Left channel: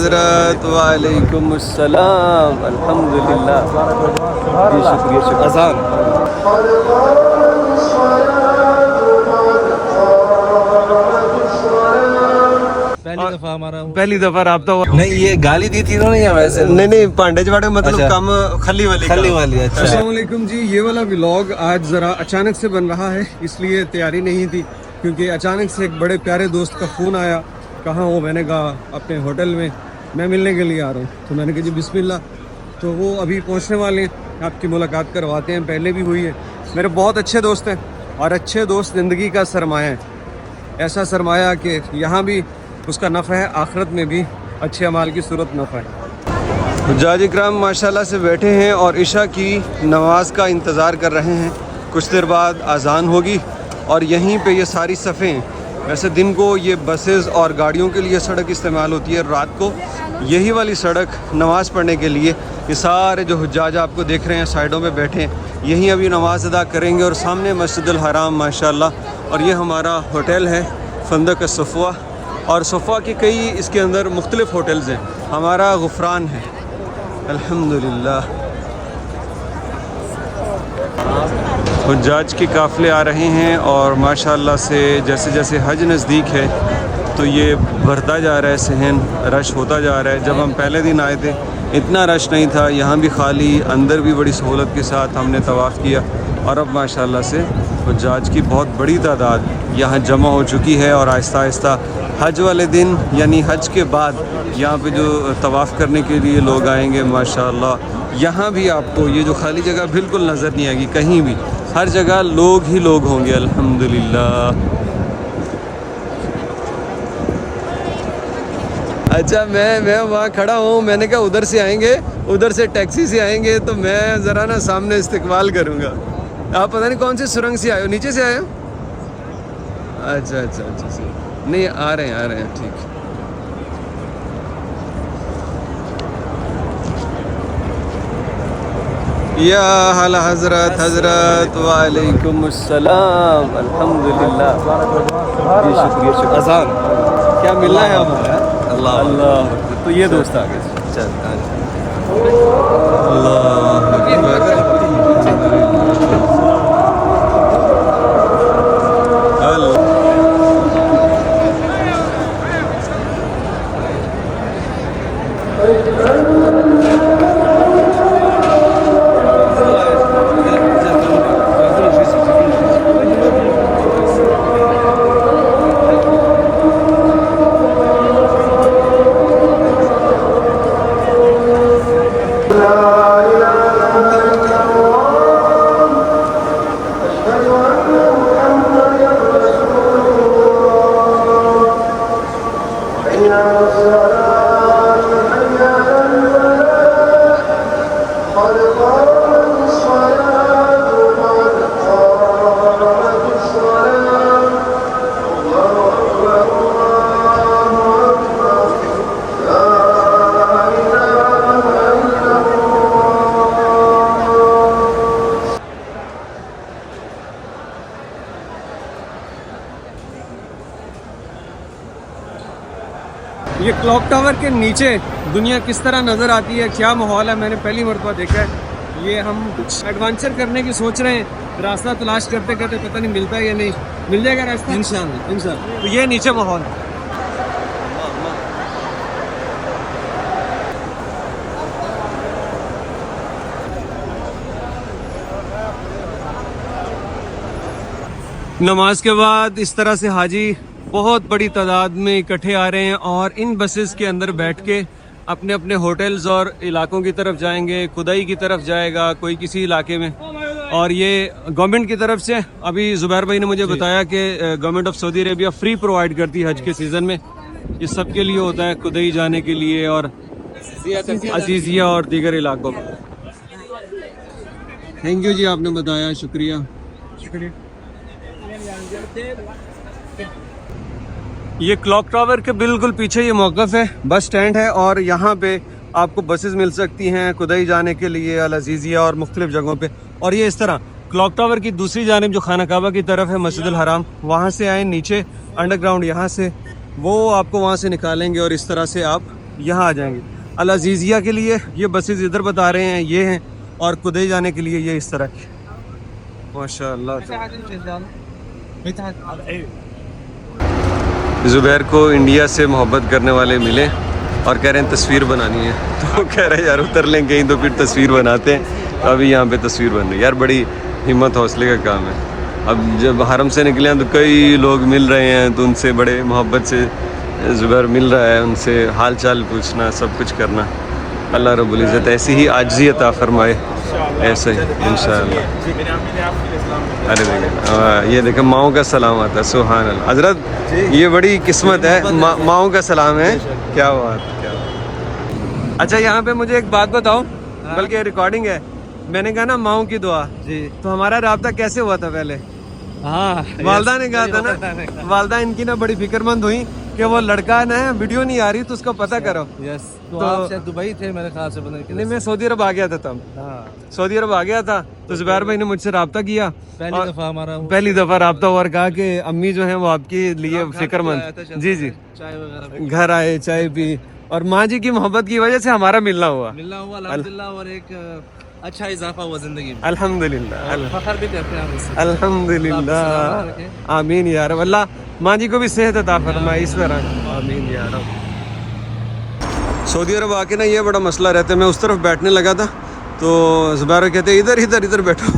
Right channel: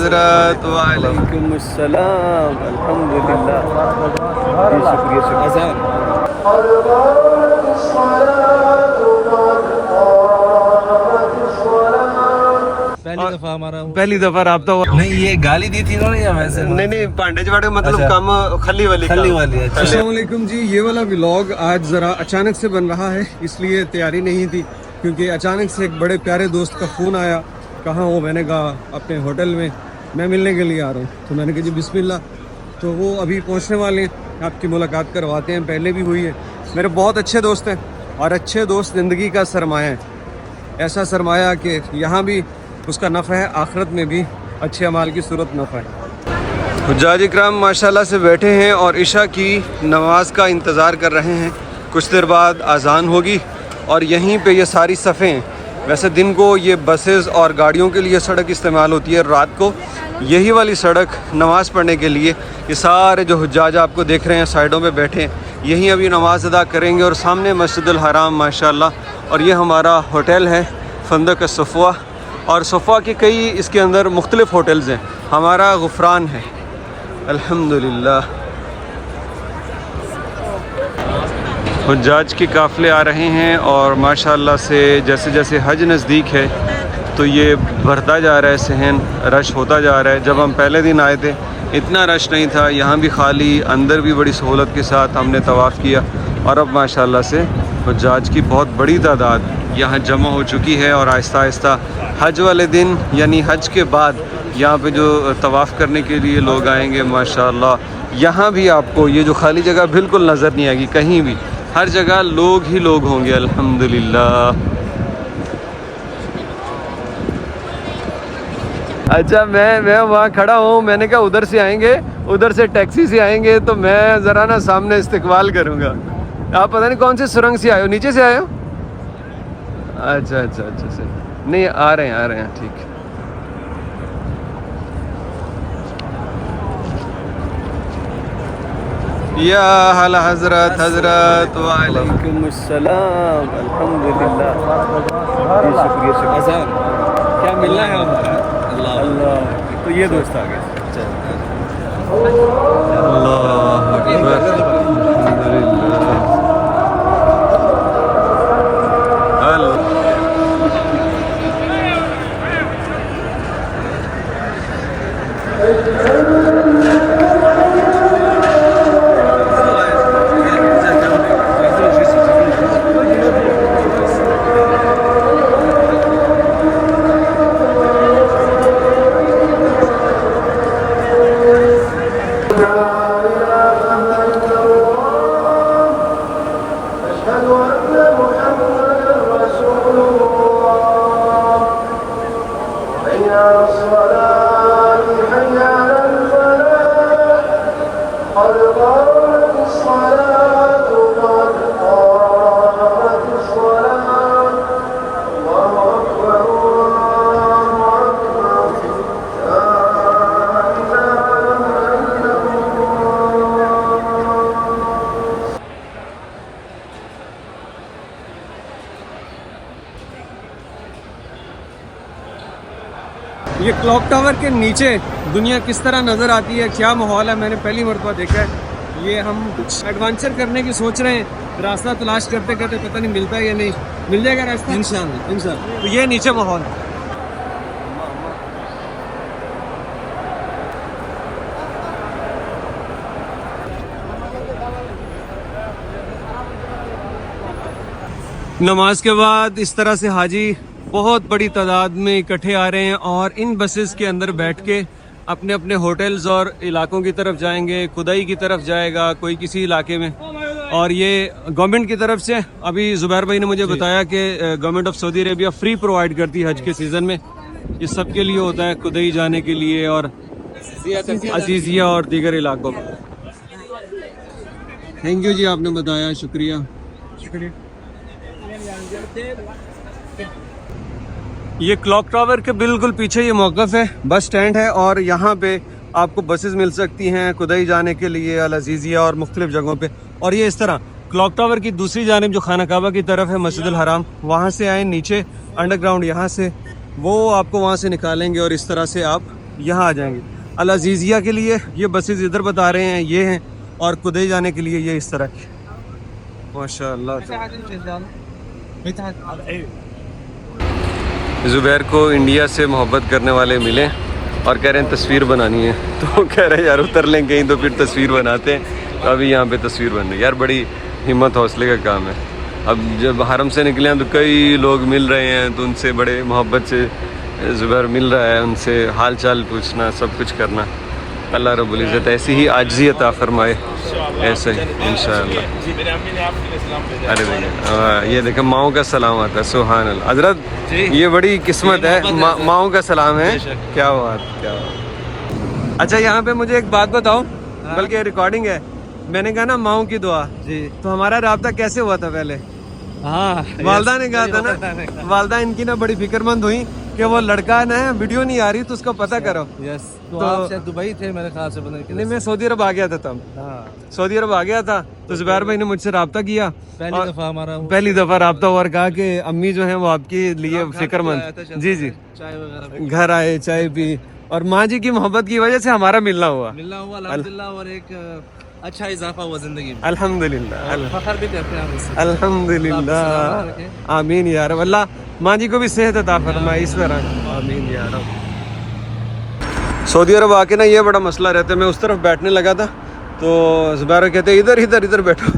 हज़रत वालेकुम अस्सलाम अल्हम्दुलिल्लाह। जी शुक्रिया शुक्रिया। अज़ान पहली दफा रब्ता हुआ। नहीं, ये गाली दी थी ना या वैसे? नहीं पांडे जवाड़े मतलब अच्छा। कम खली वाली है। अस्सलाम वालेकुम जी। ये वाला व्लॉग आज ज़रा अचानक से बन रहा है, इसलिए तैयारी नहीं थी, क्योंकि अचानक से एक बड़े प्यारे दोस्त का फ़ोन आया। कहाँ हो? मैंने कहा अपने होटल में, मैं मिलने के लिए आ रहा हूँ। तो मैंने कहा जी बिस्मिल्लाह। तो वो अभी पहुँचने वाले हैं, आपकी मुलाकात करवाते हैं। पहले भी हुई है। मेरे बहुत अच्छे दोस्त हैं और अच्छे दोस्त ज़िंदगी का सरमाया है। ऐसा सरमाया कि यहाँ भी उसका नफ़ा है, आखिरत में भी अच्छे अमाल की सूरत नफ़ा है। हुज्जाज इकराम माशाल्लाह से बैठे हैं और इशा की नमाज का इंतज़ार कर रहे हैं। कुछ देर बाद अजान होगी और यहीं पे ये सारी सफ़ें हैं। वैसे दिन को ये बसेस और गाड़ियों के लिए सड़क इस्तेमाल होती है, रात को यही वाली सड़क नमाज़ पढ़ने के लिए ये सारे जो हुज्जाज आपको देख रहे हैं साइडों पे बैठे हैं, यहीं अभी नमाज अदा करेंगे। और सामने मस्जिदुल हराम माशाल्लाह। और ये हमारा होटल है फंदक सफ़वा, और सफ़वा के कई इसके अंदर मुख्तलिफ़ होटल्स हैं। हमारा गुफ़रान है अल्हम्दुलिल्लाह। हुज्जाज के काफ़िले आ रहे हैं और माशाल्लाह से जैसे जैसे हज नज़दीक है तो ये बढ़ता जा रहा है, सहन रश होता जा रहा है। जब हम पहले दिन आए थे इतना रश नहीं था, यहाँ भी खाली, अंदर भी बड़ी सहूलत के साथ हमने तवाफ़ किया। और अब माशाल्लाह से हुज्जाज की बहुत बड़ी तादाद यहाँ जमा हो चुकी है और आहिस्ता आहिस्ता हज वाले दिन यानी हज के बाद यहाँ पे जो तवाफ़ करने के लिए लोग आएंगे माशाल्लाह। यहाँ भी आपको ये जो खाली जगह बिल्कुल नज़र नहीं आएगी कहीं भी, हर जगह लोग ही लोग होंगे अल्हम्दुलिल्लाह। अच्छा मैं वहाँ खड़ा हूँ, मैंने कहा उधर से आएंगे, उधर से टैक्सी से आएंगे तो मैं ज़रा ना सामने इस्तकबाल करूँगा। आप पता नहीं कौन से सुरंग से आए हो, नीचे से आए हो? अच्छा सही। नहीं आ रहे हैं ठीक। या हल हज़रत वालेकुम अस्सलाम अल्हम्दुलिल्लाह। जी शुक्रिया। अज़ान क्या मिलना है हमारा? अल्लाह। तो ये दोस्त आ गए। चल अल्लाह अकबर अल्लाह। ये क्लॉक टावर के नीचे दुनिया किस तरह नज़र आती है, क्या माहौल है, मैंने पहली मरतबा देखा है। ये हम कुछ एडवेंचर करने की सोच रहे हैं, रास्ता तलाश करते करते पता नहीं मिलता है या नहीं। मिल जाएगा रास्ता इंशाअल्लाह। तो ये नीचे माहौल है। नमाज के बाद इस तरह से हाजी बहुत बड़ी तादाद में इकट्ठे आ रहे हैं और इन बसेस के अंदर बैठ के अपने अपने होटल्स और इलाकों की तरफ जाएंगे। खुदाई की तरफ जाएगा कोई किसी इलाके में। और ये गवर्नमेंट की तरफ से अभी जुबैर भाई ने मुझे बताया कि government of Saudi Arabia free provide करती है हज के सीज़न में। ये सब के लिए होता है, खुदाई जाने के लिए और अजीजिया और दीगर इलाकों में। थैंक यू जी, आपने बताया, शुक्रिया। ये क्लॉक टावर के बिल्कुल पीछे ये मौक़िफ़ है, बस स्टैंड है और यहाँ पे आपको बसेस मिल सकती हैं खुदाई जाने के लिए, अल अजीज़िया और मुख्तलिफ जगहों पे। और ये इस तरह क्लॉक टावर की दूसरी जानिब जो खाना काबा की तरफ है मस्जिदुल हराम, वहाँ से आए नीचे अंडरग्राउंड, यहाँ से वो आपको वहाँ से निकालेंगे और इस तरह से आप यहाँ आ जाएंगे। अल अजीज़िया के लिए ये बसेस इधर बता रहे हैं, ये हैं, और कुदै जाने के लिए ये इस तरह की। माशाअल्लाह। ज़ुबैर को इंडिया से मोहब्बत करने वाले मिले और कह रहे हैं तस्वीर बनानी है, तो कह रहे हैं यार उतर लें कहीं तो फिर तस्वीर बनाते हैं। तो अभी यहाँ पे तस्वीर बन रही है यार, बड़ी हिम्मत हौसले का काम है। अब जब हरम से निकले हैं तो कई लोग मिल रहे हैं, तो उनसे बड़े मोहब्बत से ज़ुबैर मिल रहा है, उनसे हाल चाल पूछना, सब कुछ करना। अल्लाह रब्बुल इज़्ज़त ऐसी ही आजिज़ी अता फरमाए, ऐसे ही इंशाअल्लाह। अरे देखिए ये देखो माओ का सलाम आता है, सुभान अल्लाह। हजरत ये बड़ी किस्मत है, माओ का सलाम है। क्या बात, क्या बात। अच्छा यहाँ पे मुझे एक बात बताओ, बल्कि रिकॉर्डिंग है, मैंने कहा ना माओ की दुआ जी, तो हमारा राब्ता कैसे हुआ था पहले? हाँ, वालदा ने कहा था ना, वालदा इनकी ना बड़ी फिक्रमंद हुई कि वो लड़का ना वीडियो नहीं आ रही तो उसका पता करो। यस, तो आप शायद दुबई थे मेरे ख्याल से, नहीं मैं सऊदी अरब आ गया था तब। सऊदी अरब आ गया था तो ज़ुबैर भाई ने मुझसे रब्ता किया, पहली दफ़ा रब्ता हुआ और कहा कि अम्मी जो है वो आपके लिए फिक्रमंद। जी जी, चाय वगैरह घर आए, चाय पी, और माँ जी की मोहब्बत की वजह से हमारा मिलना हुआ अल्हम्दुलिल्लाह, और एक अच्छा इजाफा हुआ जिंदगी में। अल्हम्दुलिल्लाह, फखर भी करते हैं हम इससे। अल्हम्दुलिल्लाह, आमीन या रब। अल्लाह माँ जी को भी सेहत अता फरमाए इस तरह, आमीन या रब। सऊदी अरब आके ना ये बड़ा मसला रहता है, मैं उस तरफ बैठने लगा था तो ज़ुबैर कहते इधर इधर इधर बैठो।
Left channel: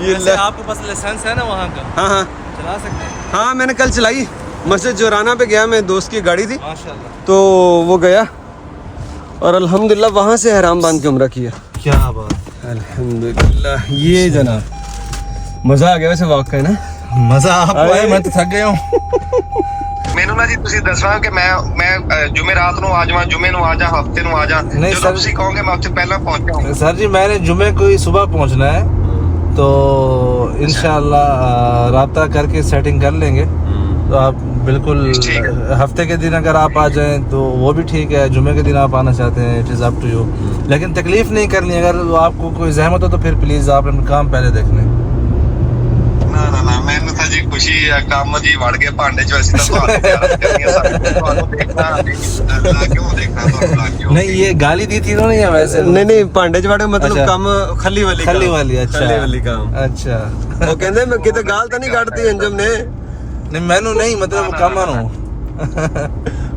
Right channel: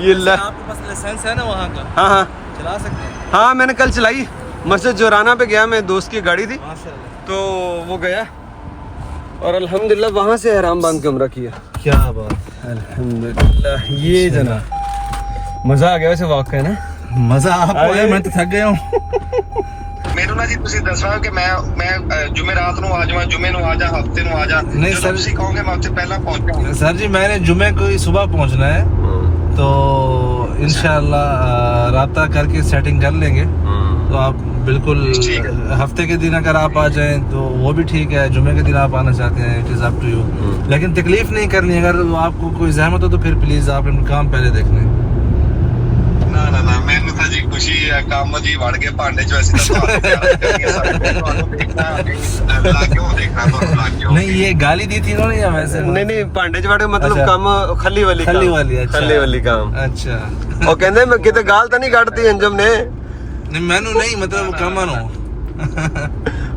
ये आपके पास लाइसेंस है ना वहाँ का? हाँ हाँ चला सकते हैं। हाँ मैंने कल चलाई, मस्जिद जोराना पे गया मैं, दोस्त की गाड़ी थी माशाल्लाह, तो वो गया और अल्हम्दुलिल्लाह वहाँ से हराम बांध के उम्रा किया। क्या बात, अल्हम्दुलिल्लाह। ये जनाब मज़ा आ गया वैसे वॉक का ना। मज़ा आपको है, मैं तो थक गया हूँ। ਮੈਨੂੰ ਨਾ ਜੀ ਤੁਸੀਂ ਦੱਸਣਾ ਕਿ ਮੈਂ ਜੁਮੇ ਰਾਤ ਨੂੰ ਆ ਜਾਵਾਂ, ਜੁਮੇ ਨੂੰ ਆ ਜਾ, ਹਫਤੇ ਨੂੰ ਆ ਜਾ, ਜਦੋਂ ਤੁਸੀਂ ਕਹੋਗੇ मैं ਉੱਥੇ ਪਹਿਲਾਂ पहुंच जाऊंगा। सर जी मैंने जुमे को ही सुबह पहुंचना है, तो इंशाल्लाह राब्ता करके सेटिंग कर लेंगे। तो आप बिल्कुल हफ्ते के दिन अगर आप आ जाएं तो वो भी ठीक है, जुमे के दिन आप आना चाहते हैं it is up to you, लेकिन तकलीफ नहीं करनी। अगर आपको कोई जहमत हो तो फिर प्लीज़ आप इन काम पहले देख लें। ਮੈਨੂੰ ਤਾਂ ਜੀ ਖੁਸ਼ੀ ਹੈ, ਕੰਮ ਜੀ ਵੜ ਕੇ ਭਾਂਡੇ ਚ ਵੈਸੇ ਤਾਂ ਤੁਹਾਨੂੰ ਪਿਆਰ ਕਰਨੀ ਹੈ, ਤੁਹਾਨੂੰ ਦੇਖਣਾ ਕਿਉਂ ਦੇਖਣਾ ਤੁਹਾਨੂੰ ਲੱਗ ਗਿਆ। नहीं ये गाली दी थी इन्होंने या वैसे? नहीं भांडे च मतलब काम खली वाली खली काम, वाली, अच्छा। खली वाली काम। अच्छा, ਉਹ ਕਹਿੰਦੇ ਮੈਂ ਕਿਤੇ ਗਾਲ ਤਾਂ ਨਹੀਂ ਕੱਢਦੀ ਅੰਜਮ ਨੇ। नहीं मैनू नहीं मतलब कामा नू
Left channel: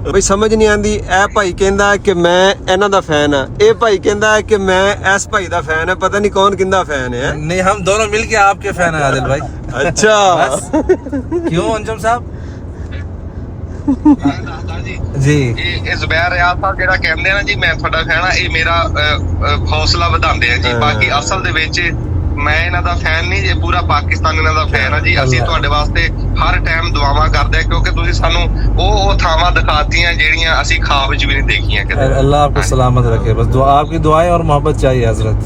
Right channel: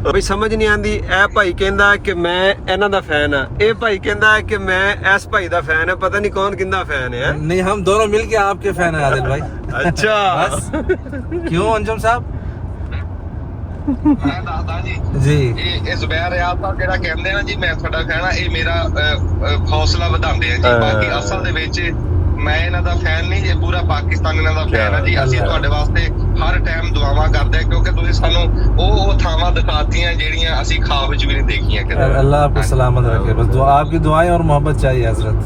ਬਈ ਸਮਝ ਨਹੀਂ ਆਂਦੀ। ਇਹ ਭਾਈ ਕਹਿੰਦਾ ਕਿ ਮੈਂ ਇਹਨਾਂ ਦਾ ਫੈਨ ਆ, ਇਹ ਭਾਈ ਕਹਿੰਦਾ ਕਿ ਮੈਂ ਇਸ ਭਾਈ ਦਾ ਫੈਨ ਆ, ਪਤਾ ਨਹੀਂ ਕੌਣ ਕਿੰਦਾ ਫੈਨ ਹੈ। नहीं हम दोनों मिलके आपके फैन हैं आदिल भाई। अच्छा बस क्यों अंजुम साहब? ਮੈਂ ਦੱਸਦਾ ਜੀ जी ਇਹ ਜ਼ੁਬੈਰ ਰਿਆਜ਼ ਸਾਹਿਬ ਜਿਹੜਾ ਕਹਿੰਦੇ ਆ ਨਾ ਜੀ ਮੈਂ ਤੁਹਾਡਾ ਫੈਨ ਆ, ਇਹ ਮੇਰਾ ਹੌਸਲਾ ਵਧਾਉਂਦੇ ਆ ਜੀ। ਬਾਕੀ ਅਸਲ ਦੇ ਵਿੱਚ ਮੈਂ ਇਹਨਾਂ ਦਾ ਫੈਨ ਨਹੀਂ ਜੇ, ਪੂਰਾ ਪਾਕਿਸਤਾਨ ਇਹਨਾਂ ਦਾ ਫੈਨ ਆ ਜੀ। ਅਸੀਂ ਤੁਹਾਡੇ ਵਾਸਤੇ ਹਰ ਟਾਈਮ ਦੁਆਵਾਂ ਕਰਦੇ ਆ, ਕਿਉਂਕਿ ਤੁਸੀਂ ਸਾਨੂੰ ਉਹ ਥਾਵਾਂ ਦਿਖਾਤੀਆਂ ਜਿਹੜੀਆਂ ਅਸੀਂ ख्वाब ਵਿੱਚ ਵੀ ਨਹੀਂ ਦੇਖੀਆਂ ਕਦੇ। अल्लाह आपको सलामत रखे, बस दुआ आपकी दुआएं और मोहब्बत चाहिए हजरत।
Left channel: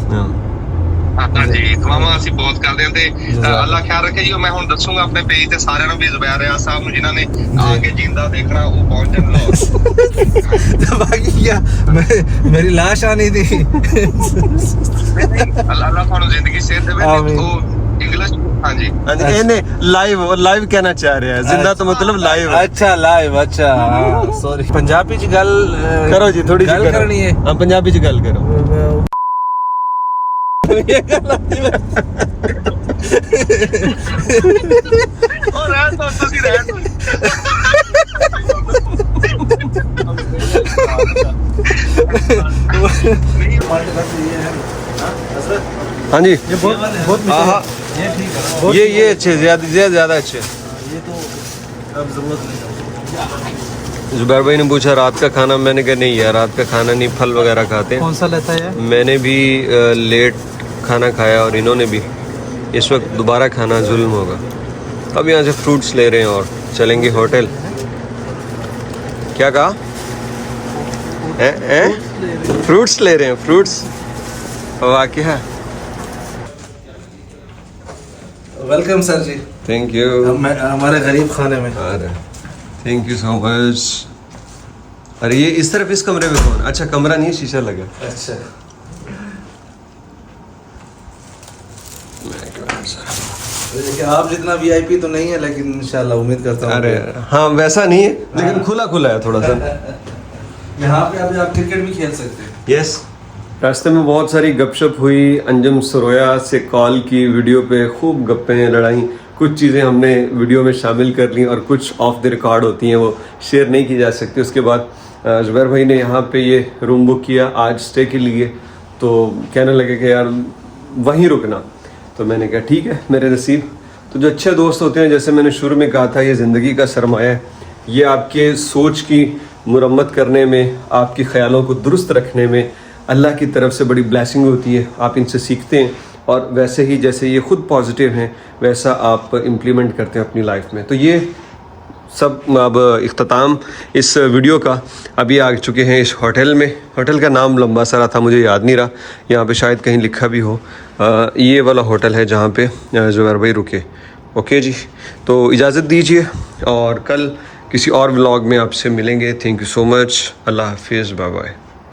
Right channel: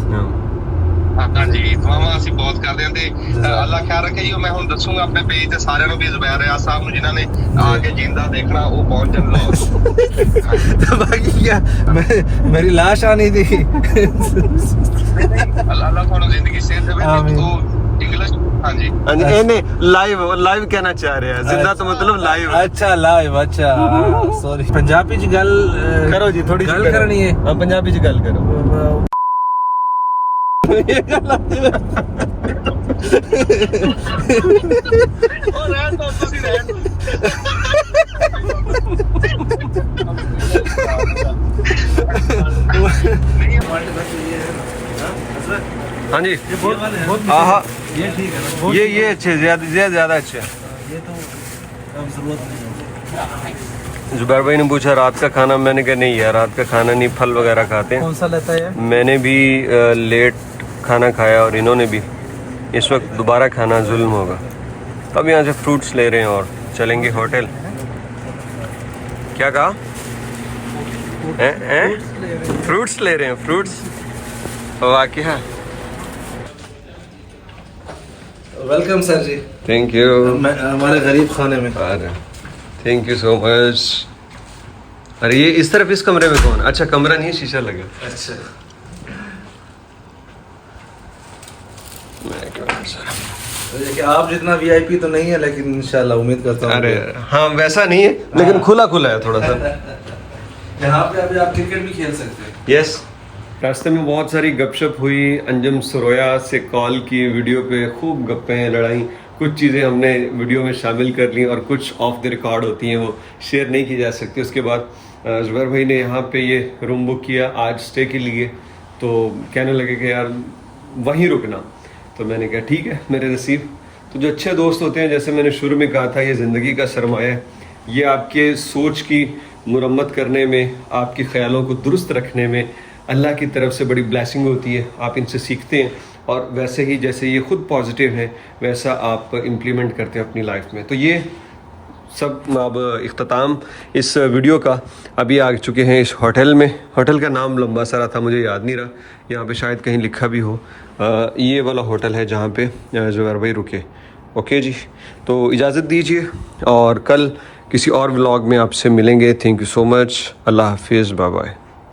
हाँ जी, दुआवां ਅਸੀਂ ਬਹੁਤ ਕਰਦੇ ਹਾਂ ਤੇ ਅੱਲਾਹ ਖਿਆਲ ਰੱਖੇ ਜੀ। ਮੈਂ ਹੁਣ ਦੱਸੂਗਾ ਆਪਣੇ ਪੇਜ ਤੇ ਸਾਰਿਆਂ ਨੂੰ ਵੀ ਜ਼ੁਬੈਰ ਰਿਆਜ਼ ਸਾਹਿਬ ਨੂੰ ਜਿਨ੍ਹਾਂ ਨੇ ਆ ਕੇ ਜਿੰਦਾ ਦੇਖਣਾ ਉਹ ਪਹੁੰਚਣ ਲਾਹੌਰ। बाकी क्या मेरी लाश आनी थी। ਅੱਲਾਹ ਤੁਹਾਨੂੰ ਜ਼ਿੰਦਗੀ ਸਿਹਤ ਦੇਵੇ ਤੇ ਉਹ ਇੰਗਲਿਸ਼ हाँ जी ਇਹਨੇ ਲਾਈਵ ਕਹਿਣਾ ਚਾਹ ਰਿਹਾ ਹੈ, ਜ਼ਿੰਦਾ ਤੋਂ मतलब ਲਾਈਵ। अच्छा लाइव, अच्छा सॉरी। पंजाबी च गल करो जी, थोड़ी गल करनी है। हाँ पंजाबी च गल करो। ये गल आती है। और रहन दो ਤੁਸੀਂ ਰਹਿਣ ਦਿਓ। हाँ जी हाँ ये ठीक है ना? ये अच्छे ज्यादा अच्छे। ये तो अब जरूरत नहीं। जुबैर भाई ने पूछा रात का खाना, मैंने कहा नहीं यार रात का खाना नहीं, फल वगैरह खाते हैं। कौन सा लेता है? मैंने भी लेट खाना खाया और इन्होंने भी। इस वक्त दोबारा खाना जुल्म होगा। अब यहाँ से फ्रूट्स ले रहे हैं और चलेंगे होटल। क्या कहा? फ्रूट्स ले रहे हैं, फ्रूट्स। वाकई welcome sir ji. Thank you. हमारे गरीब खाने में। अरे थैंक यू सो मच। अरे ये इस तरफ इस कमरे में कौन? अच्छा कमरा नहीं, शीशा लगा। अच्छा मैं क्या देखिए, आप जितना वीआईपी तो नहीं है, लेकिन इंशाल्लाह उम्मीद करता हूँ। अरे हाँ, वैसा नहीं है, लेकिन खुला खुला है थोड़ा सा। यहाँ पे अभी आप क्रिकेट भी खेल सकते हैं। यस। रास्ते में बहुत सारी गपशप हुई, अंजुम सरोया से कॉल की, वीडियो पे खूब गप्पें लड़ाई, कुछ चीज़ें हमने वीडियो में शामिल कर ली और कुछ ऑफ द रिकॉर्ड होती हैं, वो शेयर नहीं की जा सकती। उसके बाद जुबैर भाई ने यहाँ पे ये रूम बुक किया आज स्टे के लिए, तो कहने लगे कि यार वहीं रुकना, तो मैंने कहा ठीक है, मेरे नसीब। तो जो अच्छे दोस्त होते हैं, जैसे मैंने शुरू में कहा था, ये ज़िंदगी का सरमाया है, ये आपके सोच की मुरम्मत करने में, आपके ख्यालों को दुरुस्त रखने में अल्लाह की तरफ से बड़ी ब्लेसिंग होती है। आप इनसे सीखते हैं और वैसे ही जैसे ये खुद पॉजिटिव हैं, वैसा आप इम्प्लीमेंट करते हैं अपनी लाइफ में। तो ये सब अब इख्तिताम इस वीडियो का अभी आ चुके हैं इस होटल में। होटल का नाम लंबा सारा था, मुझे याद नहीं रहा, यहाँ पे शायद कहीं लिखा भी हो। ये वाला होटल है जहाँ पे जुबैर भाई रुके। ओके जी, तो इजाज़त दीजिए और कल किसी और व्लॉग में आपसे मिलेंगे। Thank you so much. Allah हाफिज़, बाय बाय।